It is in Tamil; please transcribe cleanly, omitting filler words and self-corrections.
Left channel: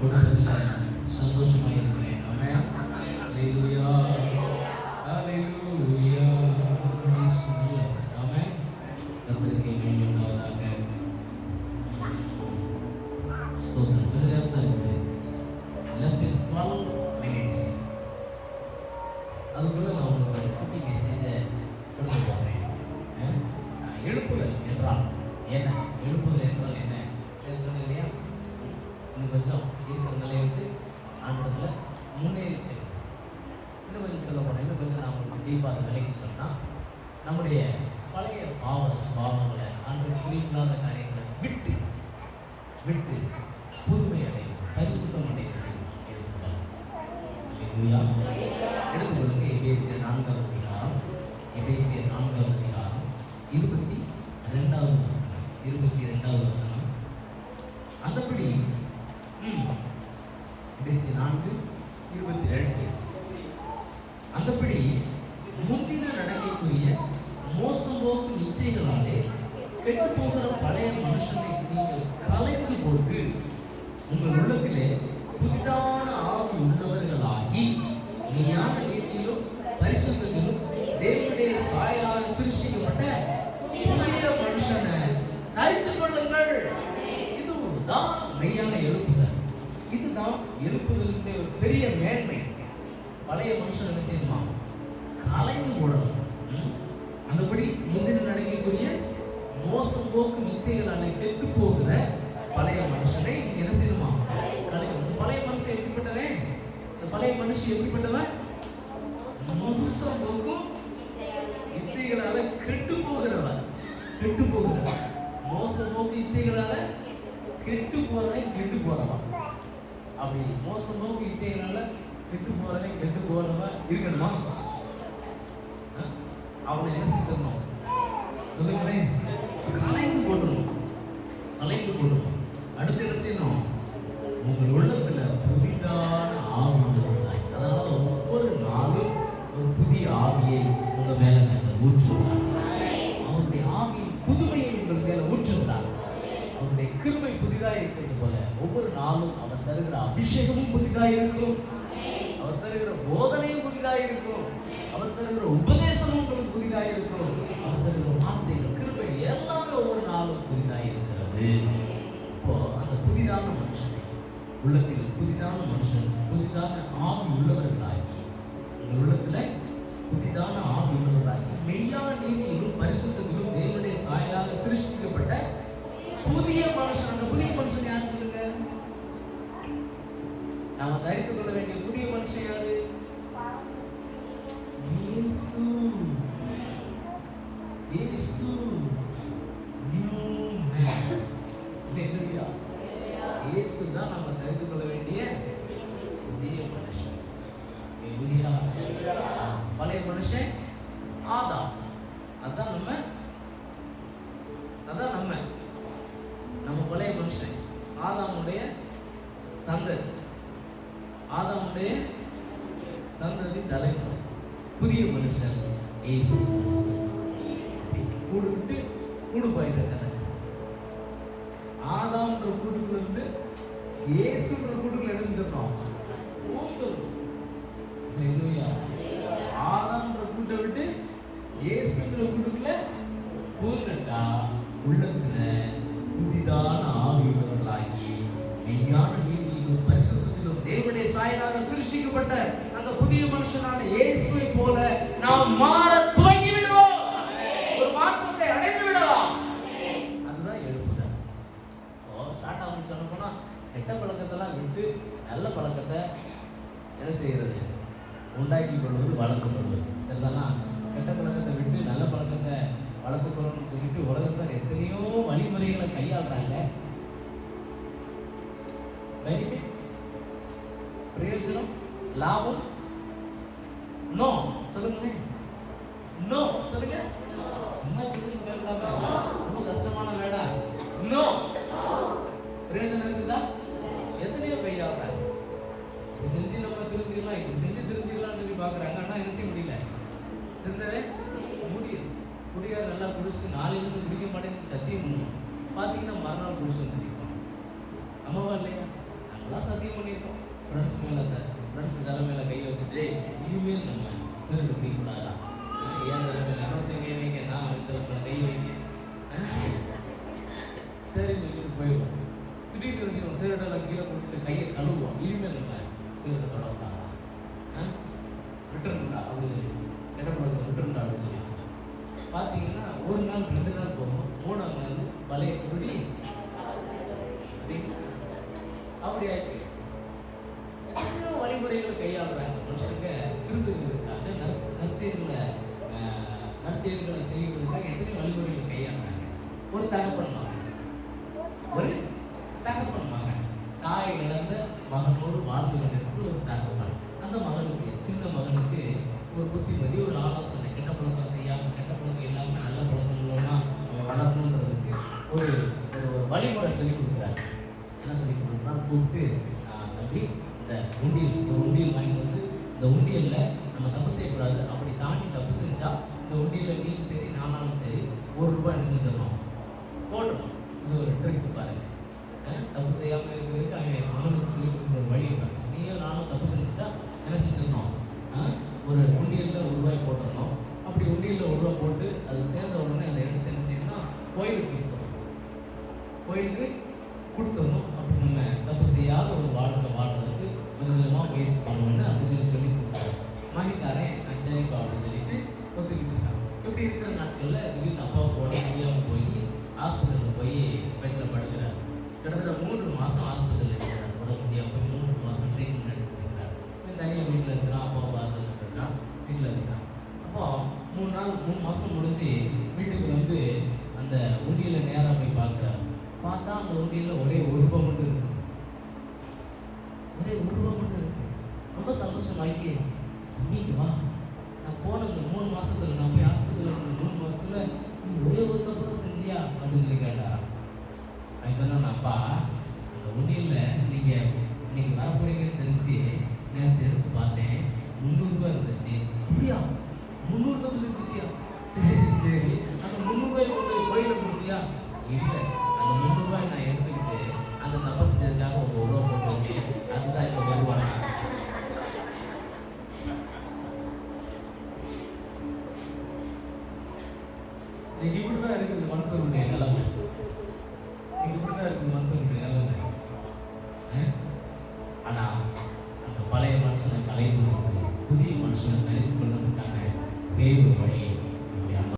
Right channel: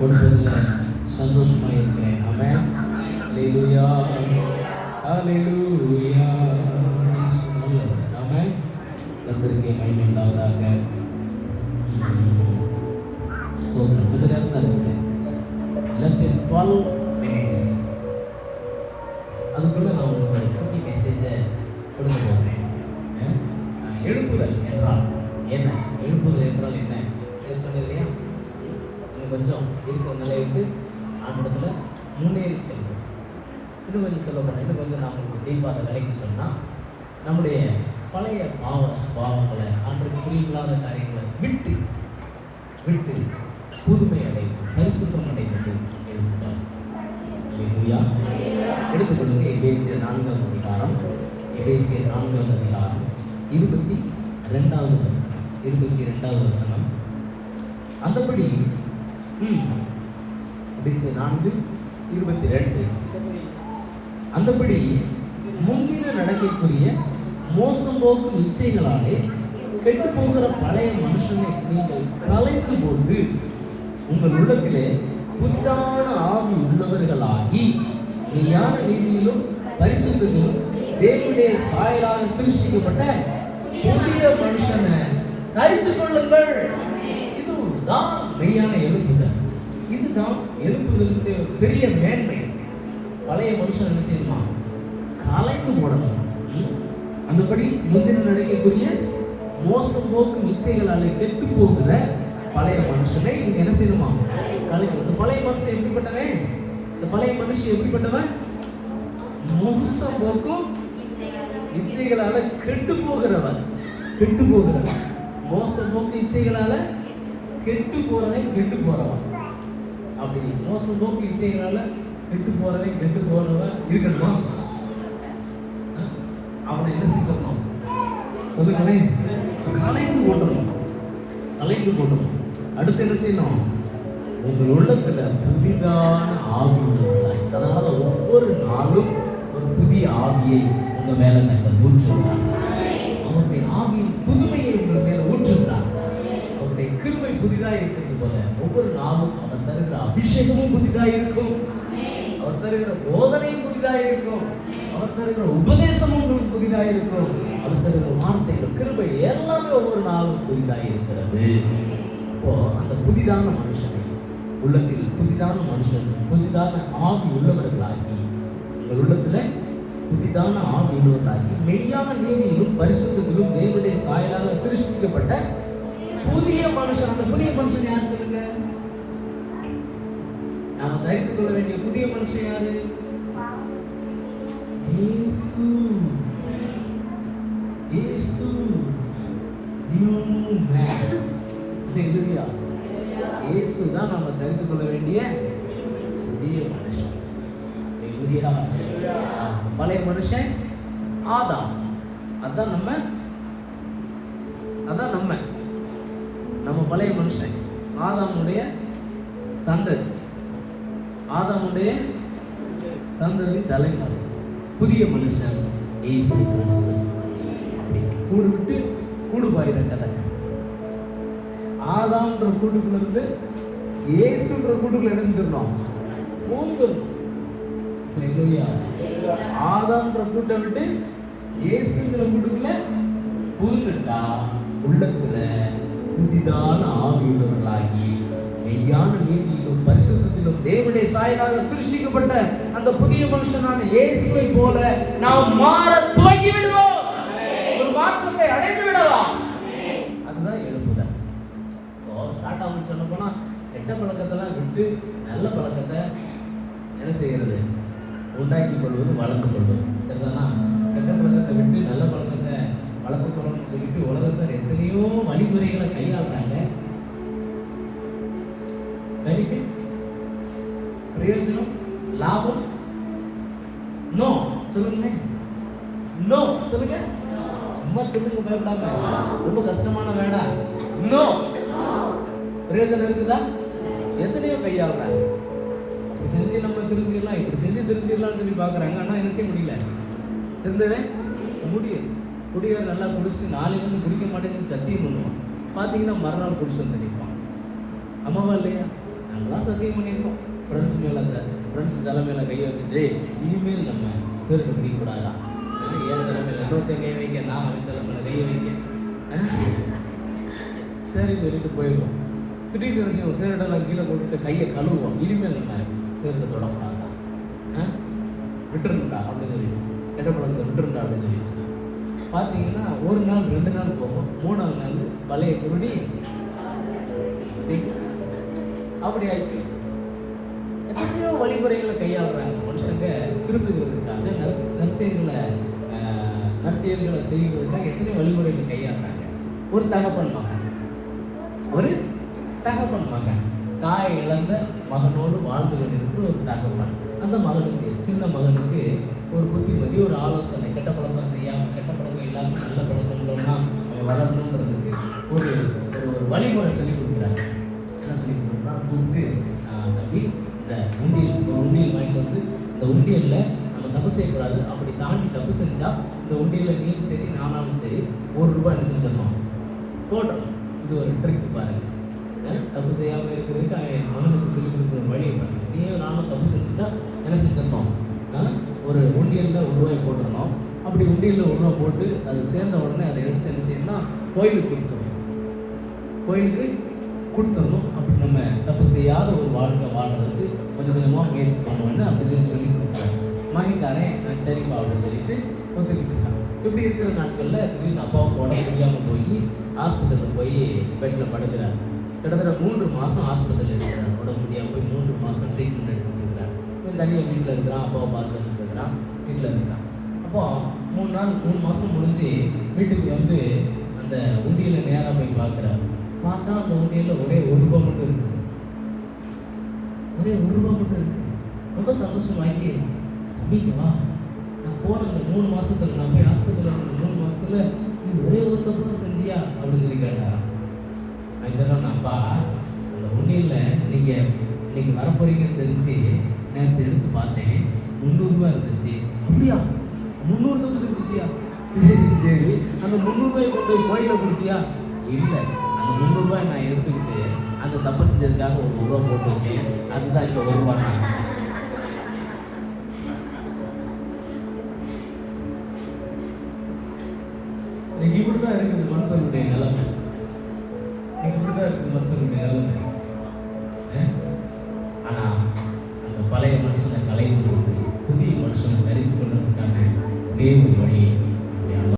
கொடுப்பதில் சந்தோஷமாக இருக்கிறேன். ஆமென். ஹல்லேலூயா, ஹல்லேலூயா. ஆமென். கர்த்தருக்கே மகிமை உண்டாவதாக. ஸ்தோத்திரம். இது நேரம் தான் இருக்குது. லெஃப்ட் இன் 12 minutes. அதுக்குள்ள நான் உங்களுக்கு ஒரு குட்டி மெசேஜை கொடுக்க போகிறேன். எழுப்புதல் என்றால் என்ன? எழுப்புதல் என்றால் என்ன சொன்னேன் இல்லையா? இன்னும் கொஞ்சம் இருக்கிற நிலையை விட்டு ஆண்டத்தில் முன்னேறி செல்வோம். இன்னும் கொஞ்சம் சொல்ல போனால், இன்னும் கொஞ்சம் நாம் உங்களுக்கு டீப்பாக விலைக்கு சொன்னால், நம்முடைய பழைய பாவங்களை ஆண்டுக்கு புரியில்லாத காரியங்களை விட்டு விட்டு புதுமை அடைவது, பரிசுத்தம் அடைவது எழுப்புதல். எடுத்துக்கொள்ளுங்க. எபேசியர் 4ஆம் அதிகாரம், எபேசியர் 4ஆம் அதிகாரம் 22வது வசனம். 22வது வசனம். அந்தபடி எபேசியர் 4:22. அந்தபடி முந்தின நடக்கைக்குரிய மோசம் போக்கும் இச்சைகளாலே கெட்டு போகிற பழைய மனுஷனை நீங்கள் கலைத்து கொண்டு உங்கள் உள்ளத்திலே புதிதான ஆவி உள்ளவர்களாகி மெய்யான நீதியிலும் பரிசுத்திலும் தேவனுடைய சாயலாக சிருஷ்டிக்கப்பட்ட புதிய மனுஷனை தரித்து கொள்ளுங்கள். இதுதான் மெய்யான எழுப்புதல். இதுதான் எழுப்புதலுடைய பெரிய மேன்மை. பழைய மனுஷன் என்ன செய்யணுமா? கலைந்து போடணும். அந்தபடி முந்தின நடக்கைக்குரிய மோசம் போக்கும் இச்சைகளால் கெட்டு போகிற பழைய மனுஷனை நீங்க என்ன செய்யணுமா? கலைக்கணும். இந்த பழைய மனுஷன் எப்படிப்பட்டவன்? இந்த பழைய மனுஷன் எப்படிப்பட்டவன்? மோசம் போக்கும் இச்சைகளால கெட்டு போகிறவன். கெட்டு போகிறவன், மோசம் போக்கு இச்சைகளால கெட்டு போறவன், கெட்டு போறவன். அப்படி மோசம் போக்கு இச்சைகளால கெட்டு போறவன், கெட்டு போறவன் இருக்கணுமா? அவனை என்ன செஞ்சிடணும்? சொல்லுங்களே. கலைந்து போடணும். கலைந்து போடணும். அடுத்து என்ன செய்யணும்? உங்கள் உள்ளத்துல புதிதான ஆவி உண்டாய். அதனால ஒவ்வொரு நாளும் ஒரு புதிய ஆவியை உங்க மேல ஊற்றுகிறார். அவருடைய ஆவியின் புதுமையை உங்கள் மேல ஊற்றுகிறார். அவருடைய கிருபை புதிதாக இருக்கிறது போல ஒவ்வொரு நாளும் அவர் தருகிற அபிஷேகமும் புதிதாக இருக்கும். அவர் தருகிற போதனையும் புதிதாக இருக்கும். அவர் தருகிற உபதேசமும் உங்களுக்கு புதிதாக இருக்கும். அவர் தருகிற வார்த்தைகள், கிருபை எல்லாமே ஒவ்வொரு நாளும் புதிதாக இருக்கிறது. அப்போ அந்த புதிதான மனுஷனை உள்ளத்தில், புதிதான மனுஷன் புதிதான ஆவி உள்ளவர்களாகி, உங்கள் உள்ளத்துல புதிதான ஆவி உள்ளவர்களாகி மெய்யான நீதியிலும் பரிசுத்தத்திலும் தேவனுடைய சாயலாக சிருஷ்டிக்கப்பட்ட புதிய மனுஷன். அந்த புதிய மனுஷன் யார் சொல்லுங்க? நாம தரித்துக் கொள்ள வேண்டிய புதிய மனுஷன் யாரு? இயேசு. இயேசு நியூ மேன். ஹல்லேலூயா. இயேசு தான் நாம தரித்துக் கொள்ள வேண்டிய புதிய மனுஷன். ஹல்லேலூயா. பழைய மனுஷன் ஆதாம். அதான் நம்ம பழைய மனுஷன். ஆதாமுடைய சந்ததி, ஆதாமுடைய சந்ததி தலைமுறை. புதிய மனுஷன் இயேசு கிறிஸ்து. கூடு விட்டு கூடு பாயிற கதை. ஆதாம்ன்ற கூட்டுக்குள்ள இருந்து இயேசுன்ற கூட்டுக்குள்ள இணைஞ்சிடணும். ஆதாம்ன்ற கூட்டை விட்டு இயேசுங்கிற கூட்டுக்குள்ள புகுந்துட்டா உள்ளத்துல புதிதான ஆவியுள்ளவர்களாகி மெய்யான நீதியிலும் பரிசுத்தத்திலும் தேவனுடைய சாயலாக சிருஷ்டிக்கப்பட்ட அந்த புதிய மனுஷனான இயேசுவை போல நாம் மாற துவங்கி விடுவோம். ஒரு மாற்றத்தை அடைந்து விடலாம். அதுதான் எழுப்புதல். ஸ்டார்ட் ஆகும் சொன்ன போனா கெட்ட பழக்கத்தெல்லாம் விட்டு நல்ல பழக்கத்தை என்ன செய்யறது? உண்டாக்கிக் கொள்வது, வளர்த்துக் கொள்வது. சரிதானா? கெட்ட பழக்கத்தை விட்டு நல்ல பழக்கத்தை வளர்த்துக் கொள்ளணும்னு சொல்லிட்டு உலகத்தில் எத்தனையோ வழிமுறைகளை கையாளுறாங்க. பெனிஃபிட், பிரயோஜனம், லாபம், நோ சொல்லுங்க. நோ சொல்லுங்க. சும்மா சொல்லுங்க, பயப்படாம. ரொம்ப கஷ்டமான வேண்டாம். நோ. பிரயோஜனம் இருக்குதா? எத்தனையோ கையாளுறாங்க. செஞ்சு நம்ம திரும்பிடலாம், இப்படி செஞ்சு திரும்பிடலாம்னு சொல்லி பாக்குறாங்க. ஆனா என்ன செய்ய முடியல? திருந்தவே முடியும். குடியை நல்லா குடிச்சிட்டு நாளைக்கு வந்து குடிக்க மாட்டேங்குன்னு சத்தியம் பண்ணுவோம். பார்த்தீங்கன்னா மறுநாள் குடிச்சு தெரியுமா? அம்மாவா இல்லையா? நல்லா சத்தியம் பண்ணிருக்கோம். ஃப்ரெண்ட்ஸ் மேல ஃப்ரெண்ட்ஸ் தலைமையில கை வச்சுட்டு இனிமேல் நம்ம சிறுட்டு பிடிக்கூடாதா, ஏழு தலைமையில இன்னொருத்த கை வைக்க, நான் அவன் தலைமையில கை வைக்க, சரி சொல்லிட்டு போயிடுவோம். திடீர்னு விஷயம் சிறுடெல்லாம் கீழே போட்டுட்டு கையை கழுவுவோம். இனிமேல் நம்ம சிறுட்டு தொடக்கூடாதா, விட்டுருக்கா அப்படின்னு சொல்லி கெட்டப்படம் விட்டுருக்கா அப்படின்னு சொல்லி பார்த்தீங்கன்னா ஒரு நாள் 2 நாள் போகும். 3ஆவது நாள் பழைய குருடி அப்படி ஆயிடுச்சு. எத்தனையோ வழிமுறைகளை கையாளுறாங்க மனுஷங்க திருத்துவதற்காக, நற்செயல்களை செய்வதற்காக எத்தனையோ வழிமுறைகளை கையாளுறாங்க. ஒரு தகப்பன் மகன் தாய் இழந்த மகனோடு வாழ்ந்து கொண்டிருக்கிற ஒரு தகப்பன். அந்த மகனுக்கு, சின்ன மகனுக்கு ஒரு புத்திமதி, ஒரு ஆலோசனை, கெட்ட பழக்கம் செய்யாமல், கெட்ட பழக்கம் இல்லாமல் நல்ல பழக்கம்னா அவன் வளரணுன்றதுக்கு ஒரு ஒரு வழிமுறை சொல்லி கொடுக்குறாரு. என்ன சொல்லி கொடுக்குறா, கூப்பிட்டு தம்பி இந்த உண்டியல் வாங்கிட்டு வந்து, இந்த உண்டியலில் நம்ம தப்பு செய்யக்கூடாது, அப்படி தாண்டி தப்பு செஞ்சா இந்த உண்டியலில் நீயும் சரி நானாலும் சரி ₹1 என்ன செஞ்சிடணும், போட்டுறணும். இது ஒரு ட்ரிக் பாருங்க. தப்பு செய்யாமல் இருக்கிறதுக்கு என் மகனுக்கு சொல்லிக் கொடுக்குற ஒரு வழியை பாருங்க. நீயும் நானும் தப்பு செஞ்சுட்டா என்ன செஞ்சிடணும், ஒரு உண்டியலில் ₹1 போட்டுக்கணும். அப்படி உண்டியலில் ₹1 போட்டு அதை சேர்ந்த உடனே அதை எடுத்து என்ன செய்யணும்னா கோயிலுக்கு கொடுத்துடணும். அப்படி நம்ம தப்பு செய்யாத ஒரு வாழ்க்கை வாழ்றதுக்கு கொஞ்சம் கொஞ்சமாக முயற்சி பண்ணுவோன்னு அப்படின்னு சொல்லி கொடுக்குறாரு. மகிழ்ந்தானே சரிப்பா அப்படின்னு சொல்லிட்டு ஒத்துக்கிட்டு இருக்காங்க. இப்படி இருக்கிற நாட்களில் திடீர்னு அப்பாவுக்கு உடம்பு முடியாமல் போய் ஹாஸ்பிட்டலில் போய் பெட்டில் படுக்கிறார். கிட்டத்தட்ட 3 மாதம் ஹாஸ்பிட்டலில் இருக்கிறார். உடம்பு முடியாமல் போய் 3 மாதம் ட்ரீட்மெண்ட் எடுத்துருக்கிறார். தனியாக வீட்டில் இருக்கிறான், அப்பாவை பார்த்துட்டு இருக்கிறான், வீட்டில் இருக்கிறான். அப்போ 3 மாதம் முடிஞ்சு வீட்டுக்கு வந்து அந்த உண்டியலை நேராக போய் பார்க்குறாரு. பார்த்தா அந்த உண்டியலில் ஒரே ₹1 மட்டும் இருக்கு. ரொம்ப சந்தோஷமாக்கி, தம்பிக்கு வா, நான் போன அந்த 3 மாதத்துல, நான் போய் ஹாஸ்பிட்டலில் இருந்த 3 மாதத்துல நீ ஒரே ஒரு தப்பு தான் செஞ்சியா அப்படின்னு சொல்லி கேட்டாராம். நான் சொல்கிறேன், அப்பா அந்த உண்டியலில் நீங்கள் வரப்போறீங்கன்னு தெரிஞ்சு நேரத்தை எடுத்து பார்த்தேன், ₹300 இருந்துச்சு. அப்படியா, 300 தப்பு செஞ்சுட்டியா? சரி, அந்த ₹300 கொண்டு போய் கோயிலில் கொடுத்தியா? இல்லை, அந்த ₹300 நான் எடுத்துக்கிட்டு அந்த தப்பு செஞ்சதுக்காக ஒரு ₹1 போட்டு வச்சேன். அதுதான் இந்த ₹1. இன்னைக்கு இப்படிதான் இருக்குது மனுஷனுடைய நிலைமை. ஆனா அந்த பழைய மனுஷனை கலைந்து கொண்டு புதிய மனுஷனை தெரிந்து கொள்வதற்கான ஒரே ஒரு வழி